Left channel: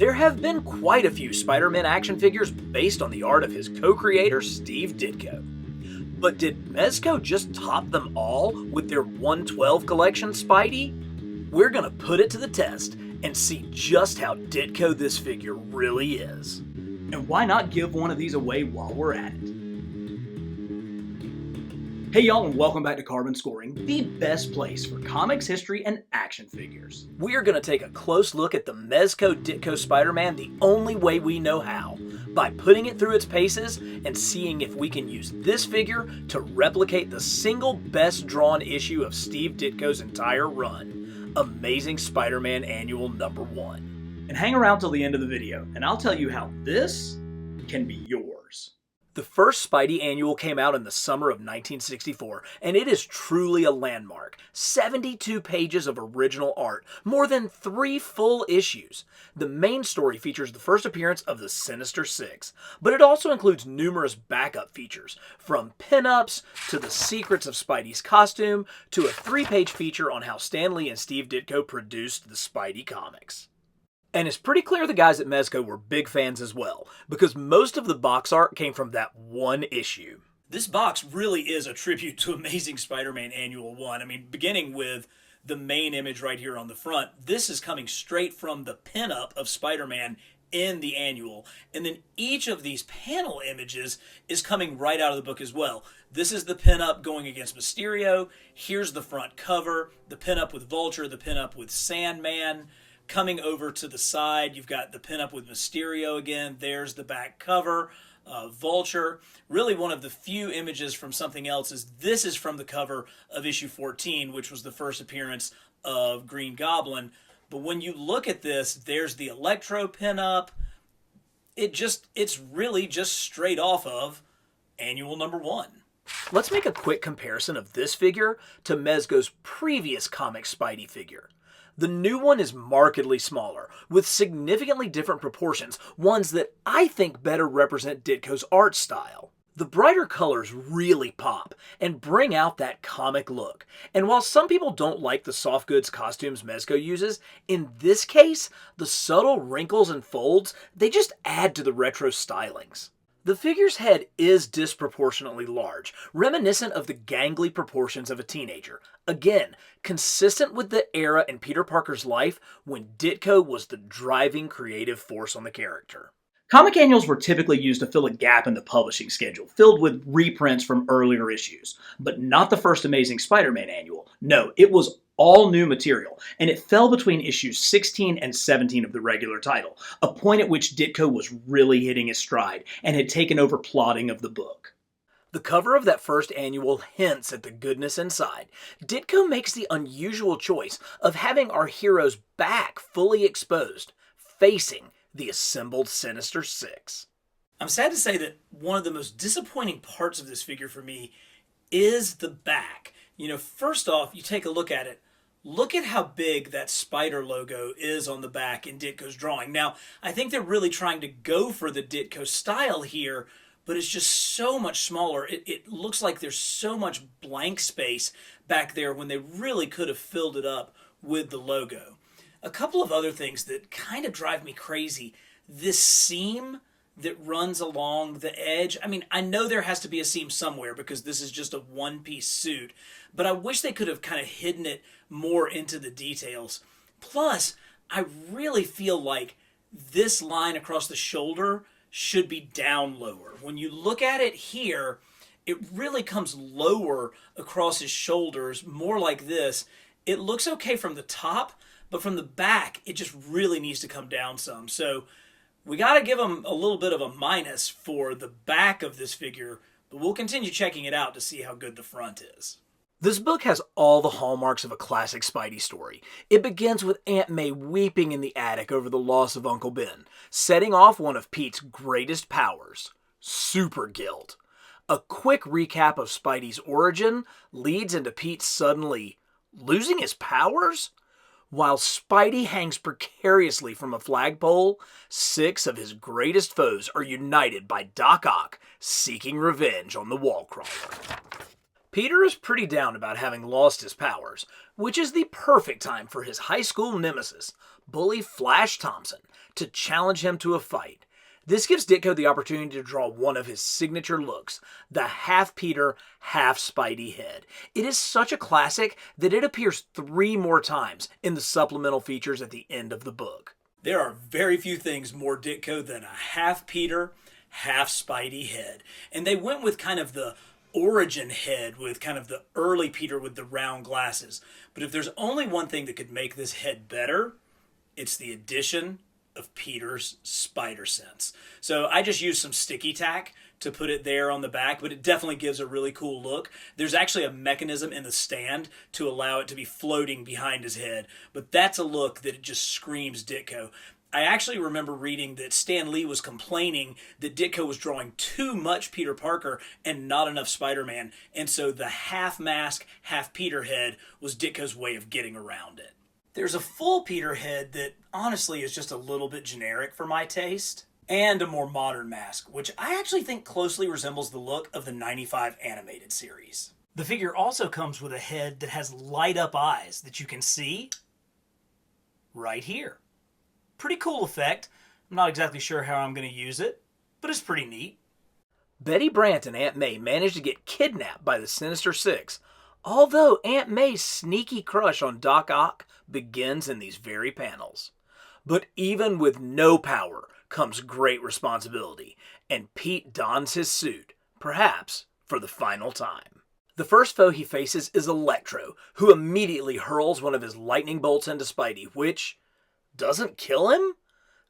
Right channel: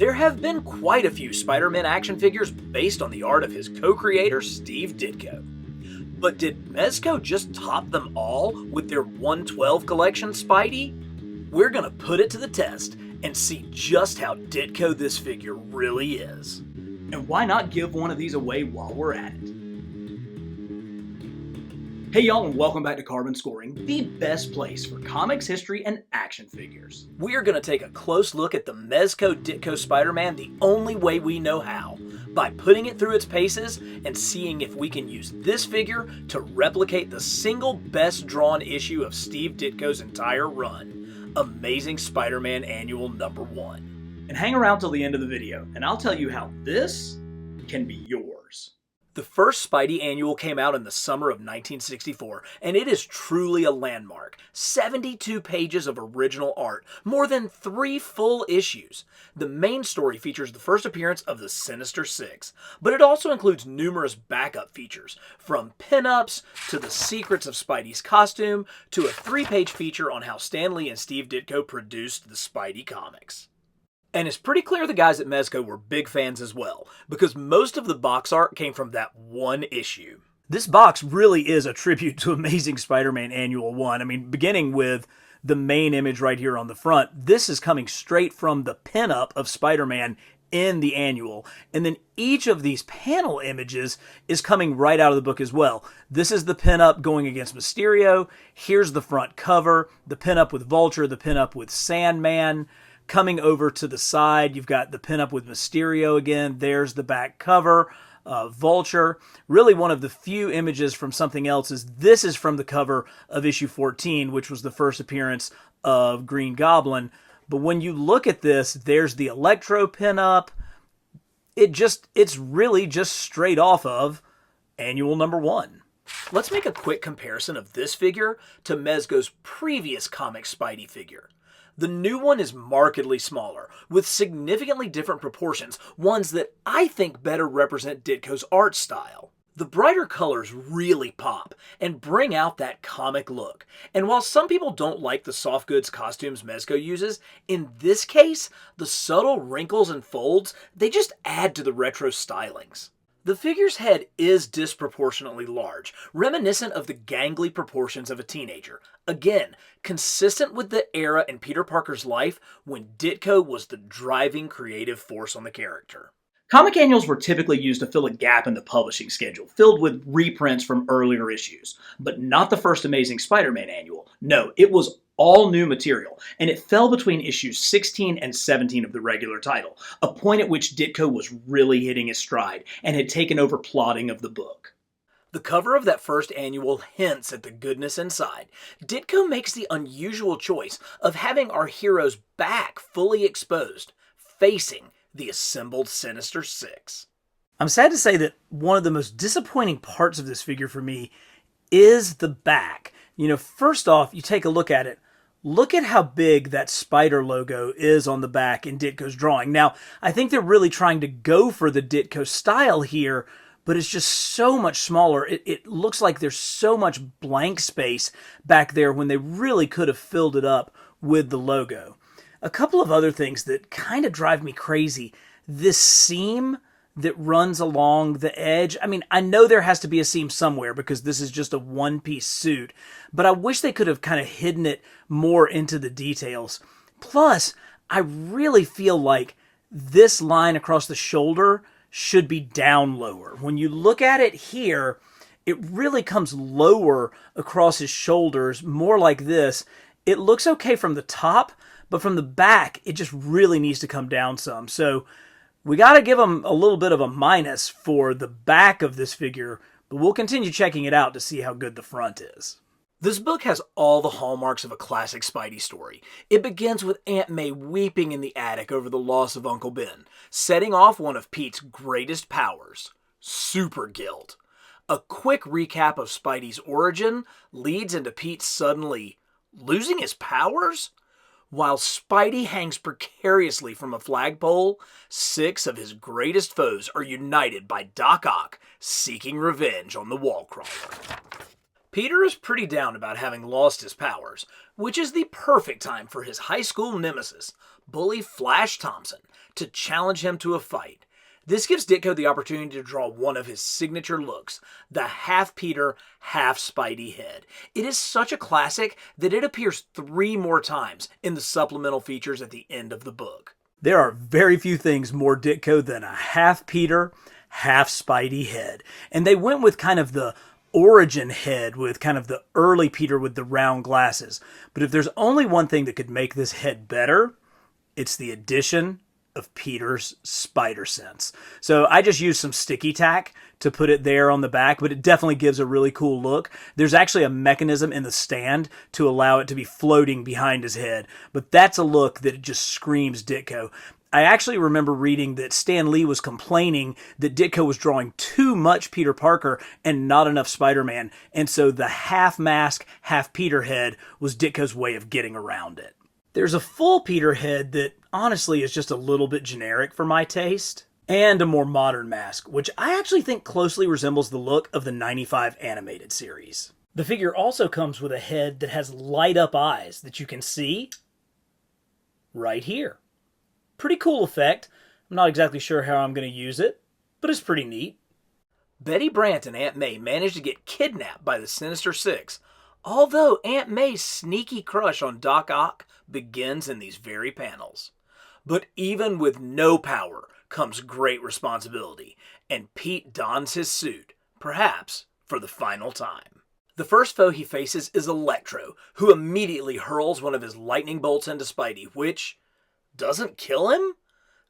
There have been quite a few Spider-Man action figures based on the art of his co-creator Steve Ditko. But did Mezco just top them all with their 112 collection Spidey? We're gonna put it to the test and see just how Ditko this figure really is. And why not give one of these away while we're at it? Hey y'all, and welcome back to Carbon Scoring, the best place for comics, history, and action figures. We are going to take a close look at the Mezco Ditko Spider-Man the only way we know how, by putting it through its paces and seeing if we can use this figure to replicate the single best drawn issue of Steve Ditko's entire run, Amazing Spider-Man Annual #1. And hang around till the end of the video, and I'll tell you how this can be yours. The first Spidey Annual came out in the summer of 1964, and it is truly a landmark. 72 pages of original art, more than 3 full issues. The main story features the first appearance of the Sinister Six, but it also includes numerous backup features, from pinups to the secrets of Spidey's costume to a 3-page feature on how Stan Lee and Steve Ditko produced the Spidey comics. And it's pretty clear the guys at Mezco were big fans as well, because most of the box art came from that one issue. This box really is a tribute to Amazing Spider-Man Annual 1. I mean, beginning with the main image right here on the front, this is coming straight from the pinup of Spider-Man in the annual. And then each of these panel images is coming right out of the book as well. This is the pinup going against Mysterio. Here's the front cover, the pinup with Vulture, the pinup with Sandman. Coming over to the side, you've got the pinup with Mysterio again. There's the back cover, Vulture. Really one of the few images from something else is this is from the cover of issue 14, which was the first appearance of Green Goblin. But when you look at this, there's the Electro pinup. It's really just straight off of Annual #1. Let's make a quick comparison of this figure to Mezco's previous comic Spidey figure. The new one is markedly smaller, with significantly different proportions, ones that I think better represent Ditko's art style. The brighter colors really pop and bring out that comic look. And while some people don't like the soft goods costumes Mezco uses, in this case, the subtle wrinkles and folds, they just add to the retro stylings. The figure's head is disproportionately large, reminiscent of the gangly proportions of a teenager. Again, consistent with the era in Peter Parker's life when Ditko was the driving creative force on the character. Comic annuals were typically used to fill a gap in the publishing schedule, filled with reprints from earlier issues. But not the first Amazing Spider-Man annual. No, it was all new material, and it fell between issues 16 and 17 of the regular title, a point at which Ditko was really hitting his stride and had taken over plotting of the book. The cover of that first annual hints at the goodness inside. Ditko makes the unusual choice of having our hero's back fully exposed, facing the assembled Sinister Six. I'm sad to say that one of the most disappointing parts of this figure for me is the back. First off, you take a look at it. Look at how big that spider logo is on the back in Ditko's drawing. Now, I think they're really trying to go for the Ditko style here, but it's just so much smaller. It looks like there's so much blank space back there when they really could have filled it up with the logo. A couple of other things that kind of drive me crazy. This seam that runs along the edge. I mean, I know there has to be a seam somewhere because this is just a one-piece suit, but I wish they could have kind of hidden it more into the details. Plus, I really feel like this line across the shoulder should be down lower. When you look at it here, it really comes lower across his shoulders, more like this. It looks okay from the top, but from the back, it just really needs to come down some. So we got to give him a little bit of a minus for the back of this figure, but we'll continue checking it out to see how good the front is. This book has all the hallmarks of a classic Spidey story. It begins with Aunt May weeping in the attic over the loss of Uncle Ben, setting off one of Pete's greatest powers, super guilt. A quick recap of Spidey's origin leads into Pete suddenly losing his powers? While Spidey hangs precariously from a flagpole, 6 of his greatest foes are united by Doc Ock seeking revenge on the wall crawler. Peter is pretty down about having lost his powers, which is the perfect time for his high school nemesis, bully Flash Thompson to challenge him to a fight. This gives Ditko the opportunity to draw one of his signature looks, the half Peter, half Spidey head. It is such a classic that it appears 3 more times in the supplemental features at the end of the book. There are very few things more Ditko than a half Peter, half Spidey head. And they went with kind of the origin head with kind of the early Peter with the round glasses. But if there's only one thing that could make this head better, it's the addition of Peter's spider sense. So I just used some sticky tack to put it there on the back, but it definitely gives a really cool look. There's actually a mechanism in the stand to allow it to be floating behind his head, but that's a look that just screams Ditko. I actually remember reading that Stan Lee was complaining that Ditko was drawing too much Peter Parker and not enough Spider-Man, and so the half mask, half Peter head was Ditko's way of getting around it. There's a full Peter head that honestly is just a little bit generic for my taste, and a more modern mask, which I actually think closely resembles the look of the 95 animated series. The figure also comes with a head that has light-up eyes that you can see right here. Pretty cool effect. I'm not exactly sure how I'm going to use it, but it's pretty neat. Betty Brant and Aunt May managed to get kidnapped by the Sinister Six, although Aunt May's sneaky crush on Doc Ock begins in these very panels. But even with no power comes great responsibility, and Pete dons his suit, perhaps for the final time. The first foe he faces is Electro, who immediately hurls one of his lightning bolts into Spidey, which doesn't kill him?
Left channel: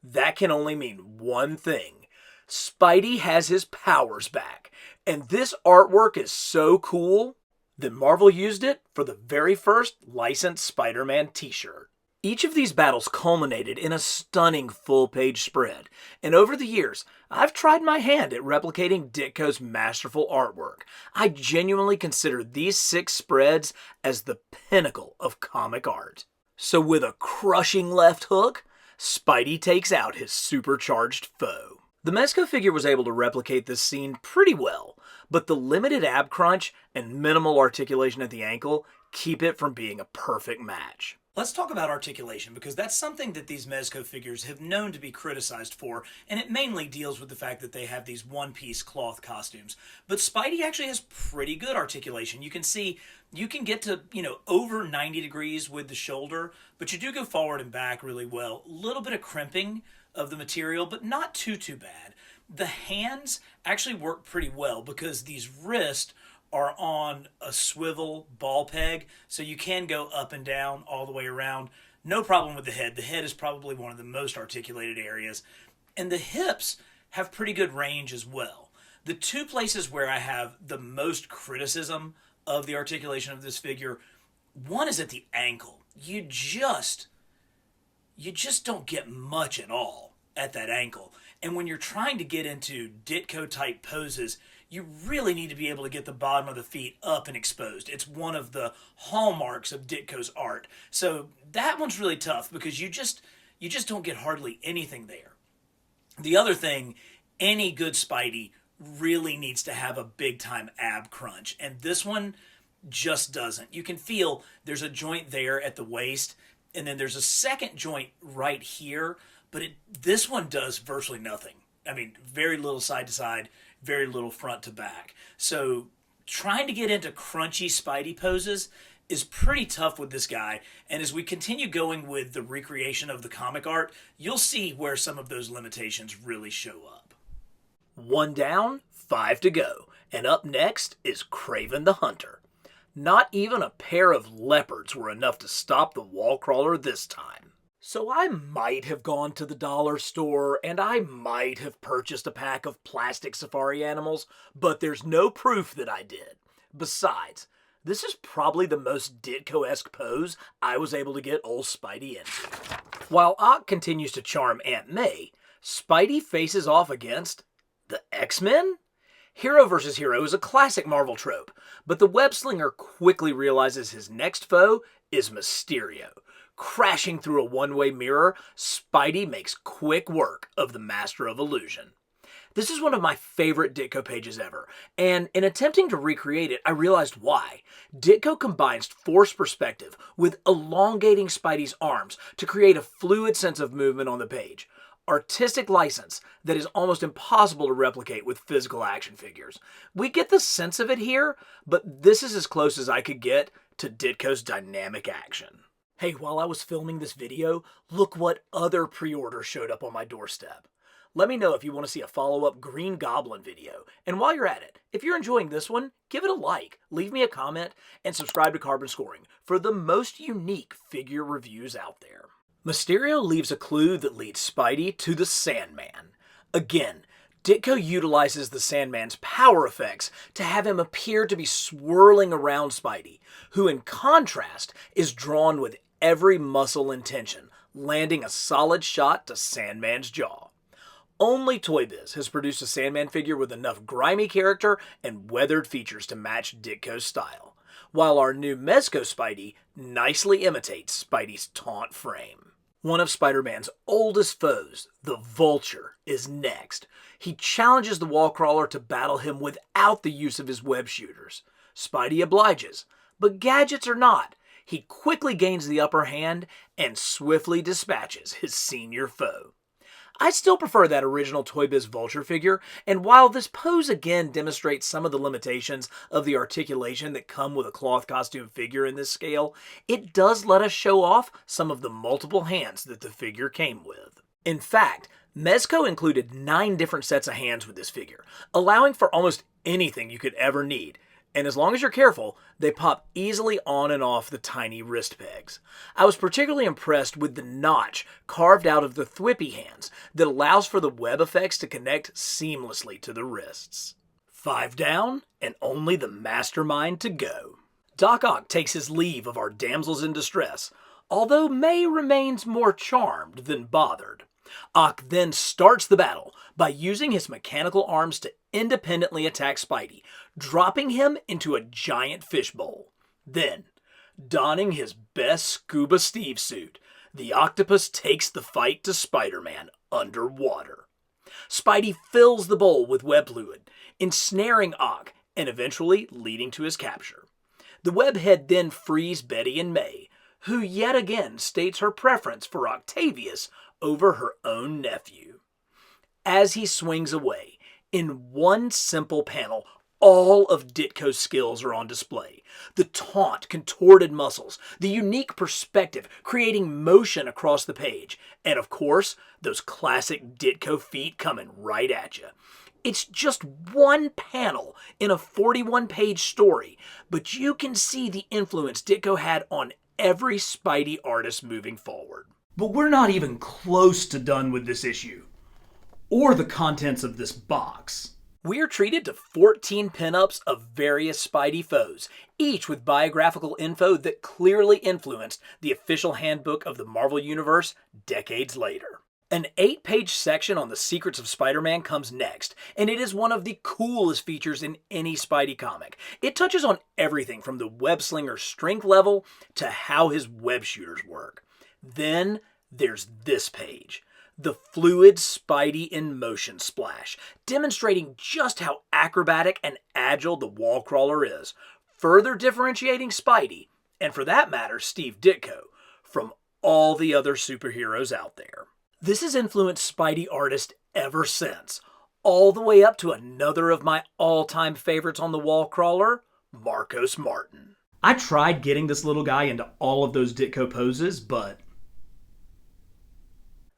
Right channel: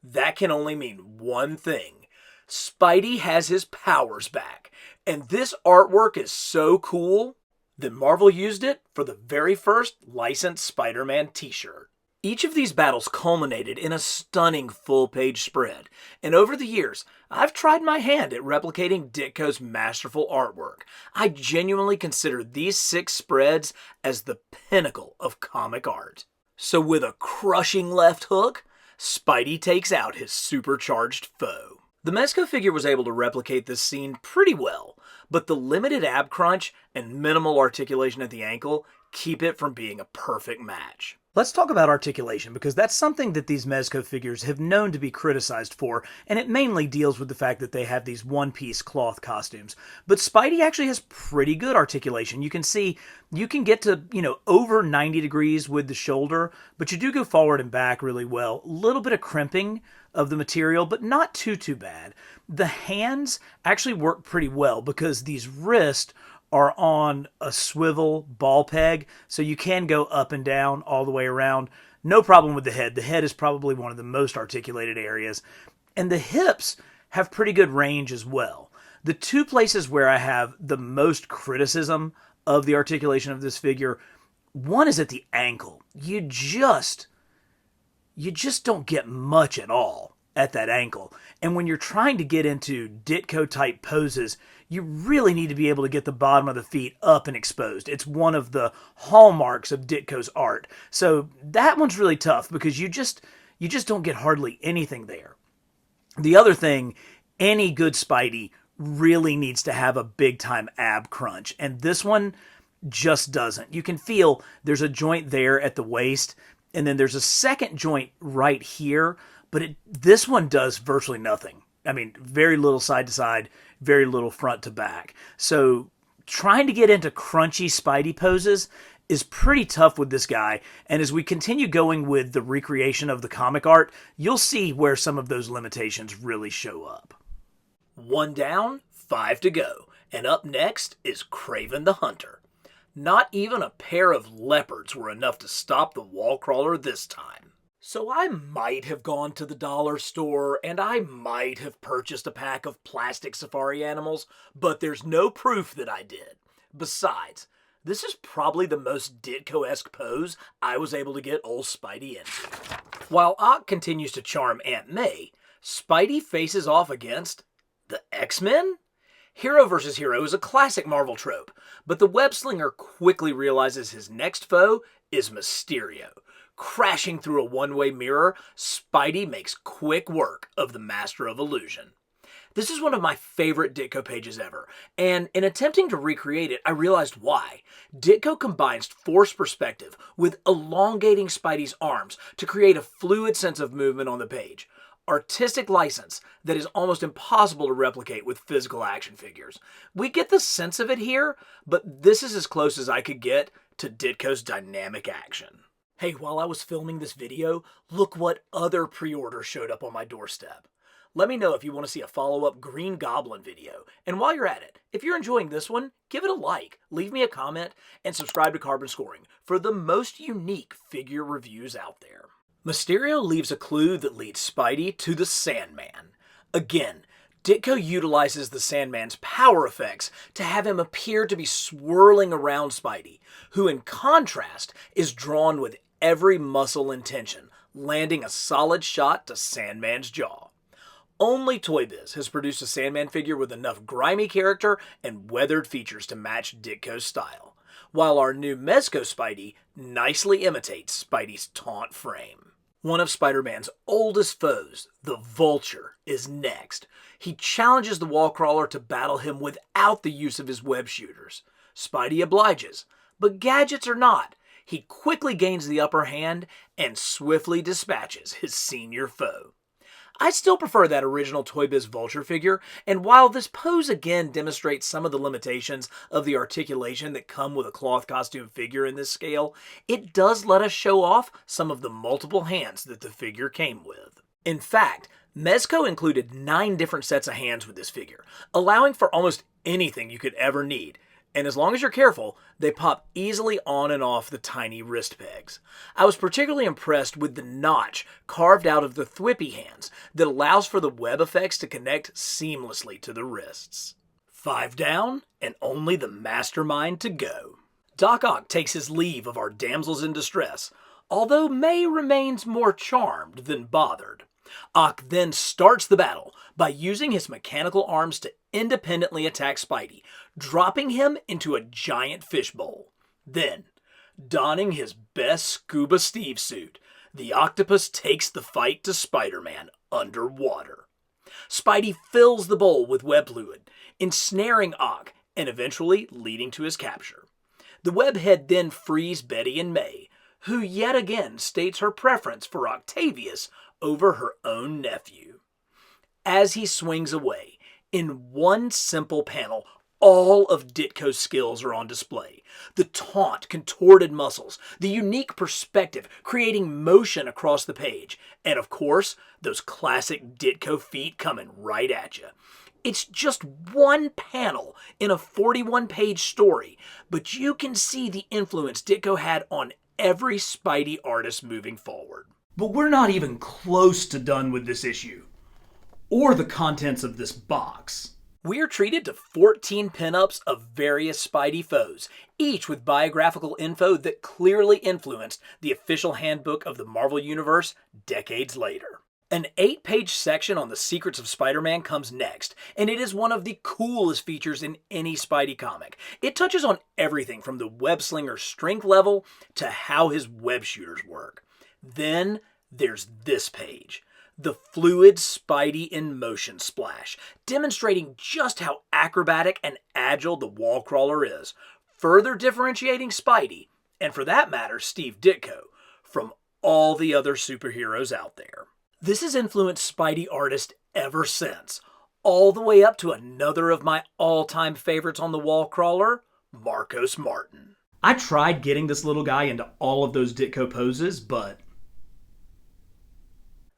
That can only mean one thing. Spidey has his powers back, and this artwork is so cool that Marvel used it for the very first licensed Spider-Man t-shirt. Each of these battles culminated in a stunning full-page spread, and over the years, I've tried my hand at replicating Ditko's masterful artwork. I genuinely consider these 6 spreads as the pinnacle of comic art. So with a crushing left hook, Spidey takes out his supercharged foe. The Mezco figure was able to replicate this scene pretty well, but the limited ab crunch and minimal articulation at the ankle keep it from being a perfect match. Let's talk about articulation, because that's something that these Mezco figures have known to be criticized for, and it mainly deals with the fact that they have these one-piece cloth costumes. But Spidey actually has pretty good articulation. You can see, you can get to, over 90 degrees with the shoulder, but you do go forward and back really well. A little bit of crimping of the material, but not too bad. The hands actually work pretty well because these wrists are on a swivel ball peg, so you can go up and down all the way around. No problem with the head. The head is probably one of the most articulated areas. And the hips have pretty good range as well. The 2 places where I have the most criticism of the articulation of this figure, one is at the ankle. You just don't get much at all at that ankle. And when you're trying to get into Ditko-type poses, you really need to be able to get the bottom of the feet up and exposed. It's one of the hallmarks of Ditko's art. So that one's really tough because you just don't get hardly anything there. The other thing, any good Spidey really needs to have a big-time ab crunch, and this one just doesn't. You can feel there's a joint there at the waist, and then there's a second joint right here, but this one does virtually nothing. I mean, very little side to side, very little front to back. So trying to get into crunchy Spidey poses is pretty tough with this guy. And as we continue going with the recreation of the comic art, you'll see where some of those limitations really show up. 1 down, 5 to go. And up next is Kraven the Hunter. Not even a pair of leopards were enough to stop the wall crawler this time. So I might have gone to the dollar store and I might have purchased a pack of plastic safari animals, but there's no proof that I did. Besides, this is probably the most Ditko-esque pose I was able to get old Spidey into. While Ock continues to charm Aunt May, Spidey faces off against the X-Men? Hero versus hero is a classic Marvel trope, but the web-slinger quickly realizes his next foe is Mysterio. Crashing through a one-way mirror, Spidey makes quick work of the Master of Illusion. This is one of my favorite Ditko pages ever, and in attempting to recreate it, I realized why. Ditko combines forced perspective with elongating Spidey's arms to create a fluid sense of movement on the page. Artistic license that is almost impossible to replicate with physical action figures. We get the sense of it here, but this is as close as I could get to Ditko's dynamic action. Hey, while I was filming this video, look what other pre-order showed up on my doorstep. Let me know if you want to see a follow-up Green Goblin video. And while you're at it, if you're enjoying this one, give it a like, leave me a comment, and subscribe to Carbon Scoring for the most unique figure reviews out there. Mysterio leaves a clue that leads Spidey to the Sandman. Again, Ditko utilizes the Sandman's power effects to have him appear to be swirling around Spidey, who in contrast is drawn with every muscle and tension, landing a solid shot to Sandman's jaw. Only Toy Biz has produced a Sandman figure with enough grimy character and weathered features to match Ditko's style, while our new Mezco Spidey nicely imitates Spidey's taunt frame. One of Spider-Man's oldest foes, the Vulture, is next. He challenges the Wallcrawler to battle him without the use of his web shooters. Spidey obliges, but gadgets or not, he quickly gains the upper hand and swiftly dispatches his senior foe. I still prefer that original Toy Biz Vulture figure, and while this pose again demonstrates some of the limitations of the articulation that come with a cloth costume figure in this scale, it does let us show off some of the multiple hands that the figure came with. In fact, Mezco included 9 different sets of hands with this figure, allowing for almost anything you could ever need. And as long as you're careful, they pop easily on and off the tiny wrist pegs. I was particularly impressed with the notch carved out of the Thwippy hands that allows for the web effects to connect seamlessly to the wrists. 5 down, and only the mastermind to go. Doc Ock takes his leave of our damsels in distress, although May remains more charmed than bothered. Ock then starts the battle by using his mechanical arms to independently attack Spidey, dropping him into a giant fishbowl. Then, donning his best Scuba Steve suit, the octopus takes the fight to Spider-Man underwater. Spidey fills the bowl with web fluid, ensnaring Ock and eventually leading to his capture. The webhead then frees Betty and May, who yet again states her preference for Octavius over her own nephew. As he swings away, in one simple panel, all of Ditko's skills are on display. The taunt, contorted muscles, the unique perspective, creating motion across the page, and of course, those classic Ditko feet coming right at you. It's just one panel in a 41-page story, but you can see the influence Ditko had on every Spidey artist moving forward. But we're not even close to done with this issue, or the contents of this box. We are treated to 14 pinups of various Spidey foes, each with biographical info that clearly influenced the official handbook of the Marvel Universe decades later. An 8-page section on the secrets of Spider-Man comes next, and it is one of the coolest features in any Spidey comic. It touches on everything from the web-slinger's strength level to how his web shooters work. Then there's this page, the fluid Spidey in motion splash, demonstrating just how acrobatic and agile the Wallcrawler is, further differentiating Spidey, and for that matter Steve Ditko, from all the other superheroes out there. This has influenced Spidey artists ever since, all the way up to another of my all-time favorites on the Wallcrawler, Marcos Martin. I tried getting this little guy into all of those Ditko poses, but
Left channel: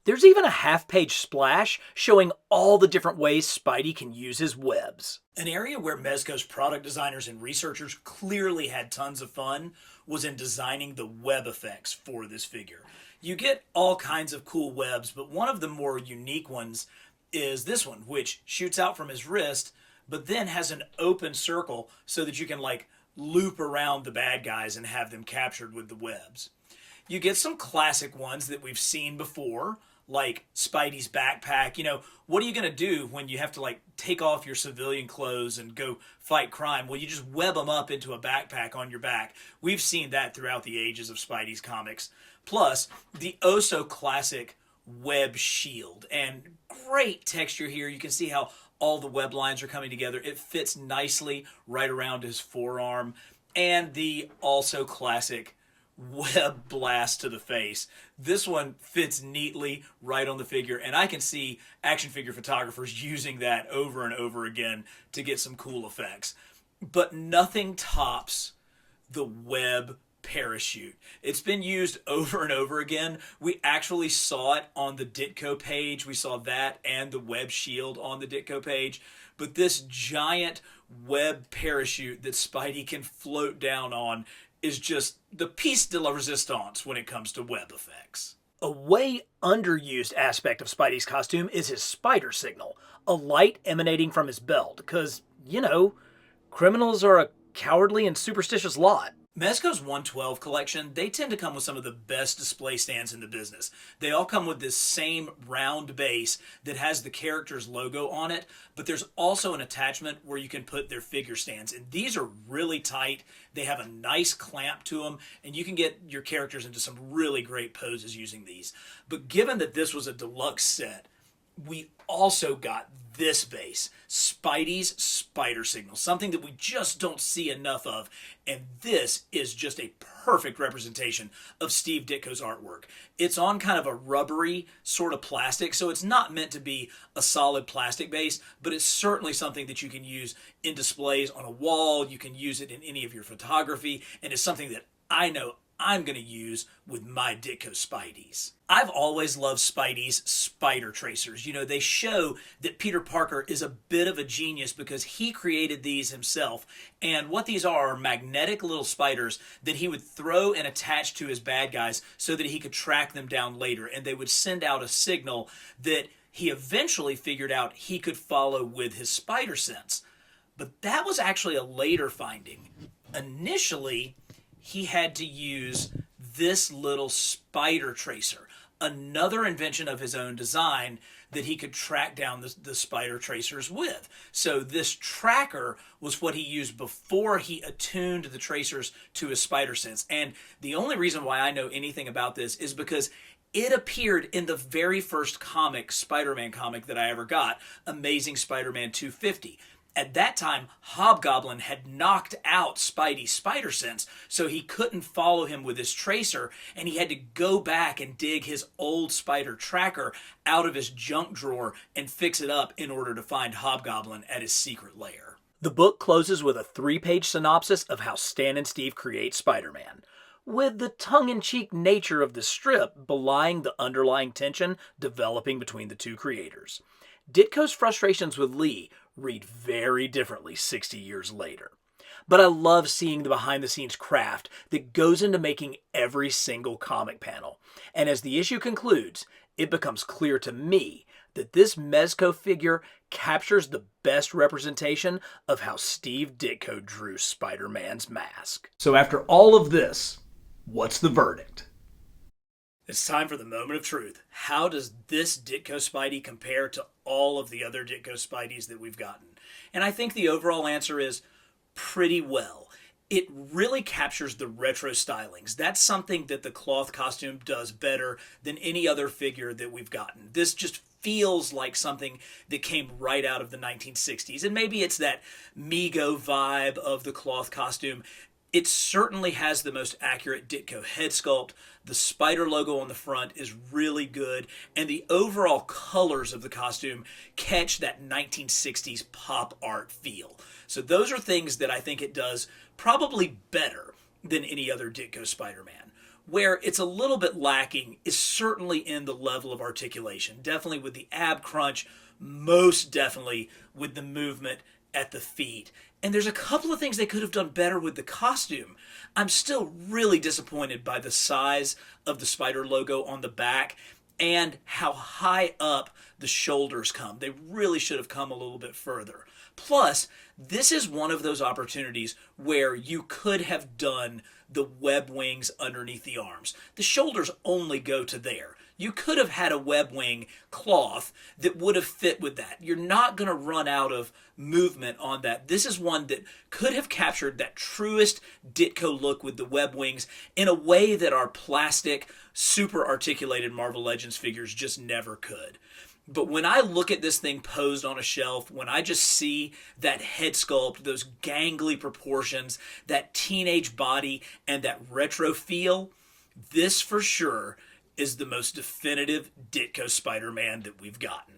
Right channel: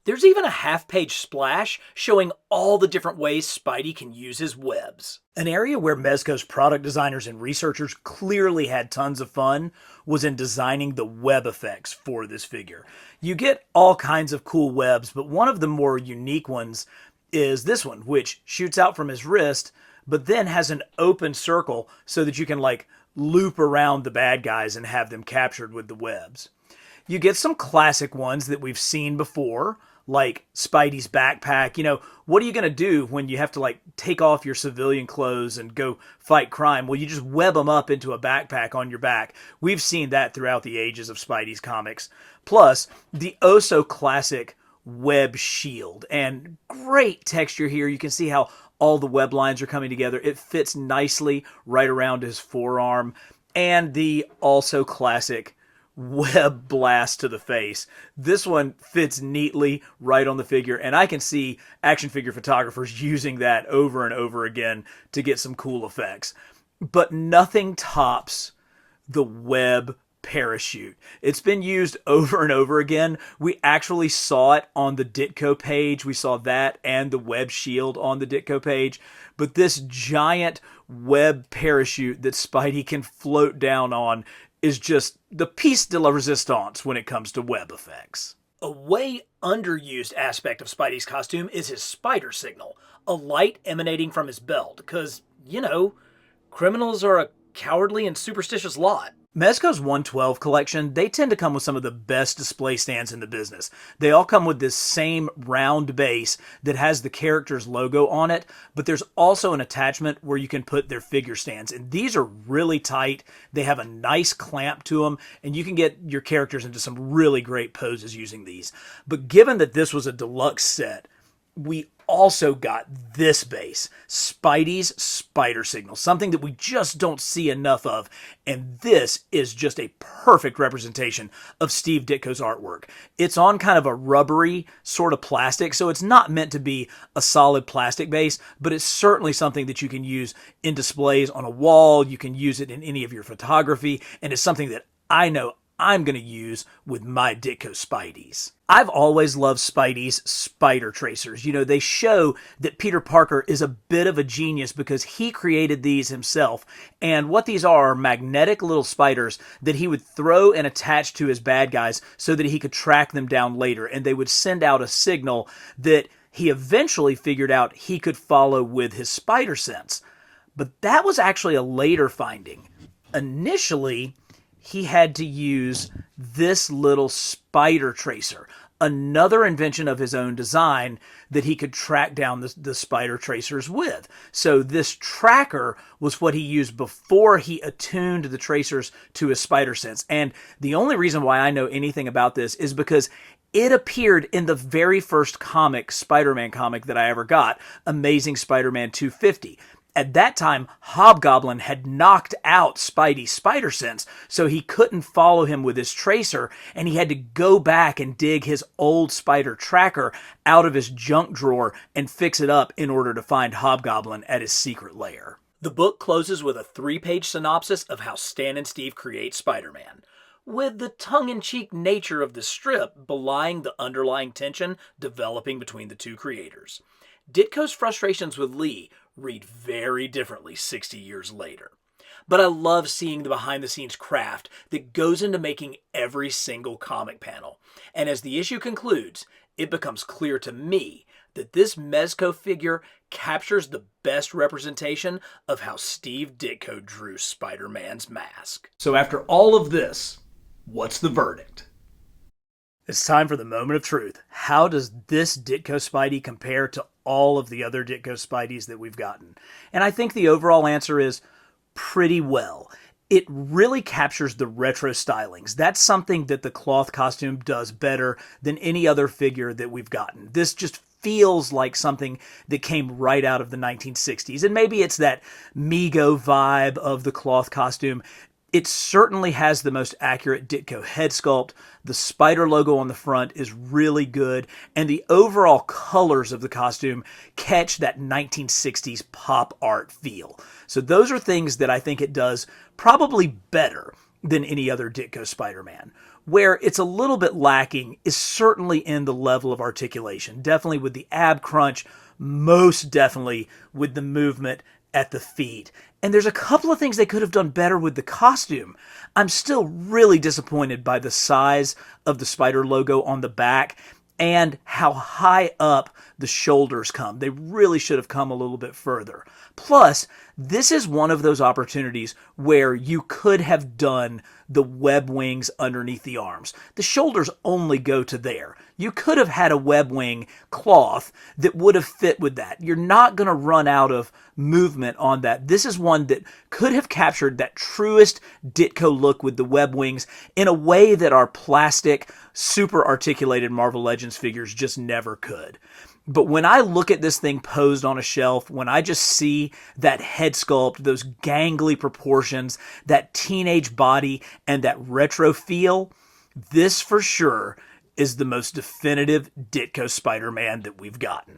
there's even a half-page splash showing all the different ways Spidey can use his webs. An area where Mezco's product designers and researchers clearly had tons of fun was in designing the web effects for this figure. You get all kinds of cool webs, but one of the more unique ones is this one, which shoots out from his wrist, but then has an open circle so that you can loop around the bad guys and have them captured with the webs. You get some classic ones that we've seen before, like Spidey's backpack. You know, what are you going to do when you have to take off your civilian clothes and go fight crime? Well, you just web them up into a backpack on your back. We've seen that throughout the ages of Spidey's comics. Plus, the oh-so-classic web shield. And great texture here. You can see how all the web lines are coming together. It fits nicely right around his forearm. And the also classic web blast to the face. This one fits neatly right on the figure, and I can see action figure photographers using that over and over again to get some cool effects. But nothing tops the web parachute. It's been used over and over again. We actually saw it on the Ditko page. We saw that and the web shield on the Ditko page. But this giant web parachute that Spidey can float down on is just the piece de la resistance when it comes to web effects. A way underused aspect of Spidey's costume is his spider signal, a light emanating from his belt, because, you know, criminals are a cowardly and superstitious lot. Mezco's 112 collection, they tend to come with some of the best display stands in the business. They all come with this same round base that has the character's logo on it, but there's also an attachment where you can put their figure stands. And these are really tight. They have a nice clamp to them, and you can get your characters into some really great poses using these. But given that this was a deluxe set, we also got this base, Spidey's spider signal, something that we just don't see enough of. And this is just a perfect representation of Steve Ditko's artwork. It's on kind of a rubbery sort of plastic, so it's not meant to be a solid plastic base, but it's certainly something that you can use in displays on a wall. You can use it in any of your photography, and it's something that I know I'm going to use with my Ditko Spideys. I've always loved Spidey's spider tracers. You know, they show that Peter Parker is a bit of a genius because he created these himself. And what these are magnetic little spiders that he would throw and attach to his bad guys so that he could track them down later. And they would send out a signal that he eventually figured out he could follow with his spider sense. But that was actually a later finding. Initially, he had to use this little spider tracer, another invention of his own design that he could track down the spider tracers with. So this tracker was what he used before he attuned the tracers to his spider sense. And the only reason why I know anything about this is because it appeared in the very first comic, Spider-Man comic that I ever got, Amazing Spider-Man 250. At that time, Hobgoblin had knocked out Spidey's spider sense, so he couldn't follow him with his tracer, and he had to go back and dig his old spider tracker out of his junk drawer and fix it up in order to find Hobgoblin at his secret lair. The book closes with a 3-page synopsis of how Stan and Steve create Spider-Man, with the tongue-in-cheek nature of the strip belying the underlying tension developing between the two creators. Ditko's frustrations with Lee read very differently 60 years later. But I love seeing the behind-the-scenes craft that goes into making every single comic panel. And as the issue concludes, it becomes clear to me that this Mezco figure captures the best representation of how Steve Ditko drew Spider-Man's mask. So after all of this, what's the verdict? It's time for the moment of truth. How does this Ditko Spidey compare to all of the other Ditko Spideys that we've gotten? And I think the overall answer is pretty well. It really captures the retro stylings. That's something that the cloth costume does better than any other figure that we've gotten. This just feels like something that came right out of the 1960s. And maybe it's that Mego vibe of the cloth costume. It certainly has the most accurate Ditko head sculpt. The spider logo on the front is really good, and the overall colors of the costume catch that 1960s pop art feel. So those are things that I think it does probably better than any other Ditko Spider-Man. Where it's a little bit lacking is certainly in the level of articulation. Definitely with the ab crunch, most definitely with the movement at the feet. And there's a couple of things they could have done better with the costume. I'm still really disappointed by the size of the spider logo on the back and how high up the shoulders come. They really should have come a little bit further. Plus, this is one of those opportunities where you could have done the web wings underneath the arms. The shoulders only go to there. You could have had a webwing cloth that would have fit with that. You're not going to run out of movement on that. This is one that could have captured that truest Ditko look with the web wings in a way that our plastic, super articulated Marvel Legends figures just never could. But when I look at this thing posed on a shelf, when I just see that head sculpt, those gangly proportions, that teenage body, and that retro feel, this for sure is the most definitive Ditko Spider-Man that we've gotten.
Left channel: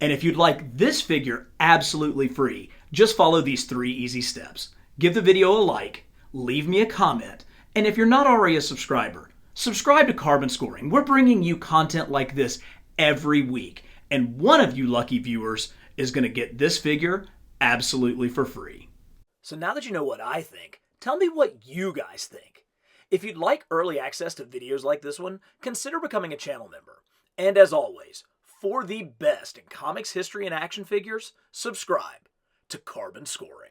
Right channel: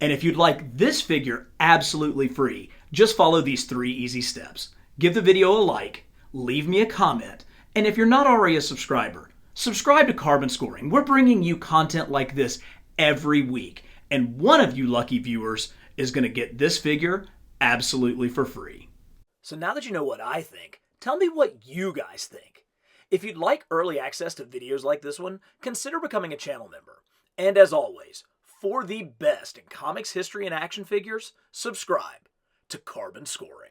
And if you'd like this figure absolutely free, just follow these 3 easy steps. Give the video a like, leave me a comment, and if you're not already a subscriber, subscribe to Carbon Scoring. We're bringing you content like this every week. And one of you lucky viewers is going to get this figure absolutely for free. So now that you know what I think, tell me what you guys think. If you'd like early access to videos like this one, consider becoming a channel member. And as always, for the best in comics history and action figures, subscribe to Carbon Scoring.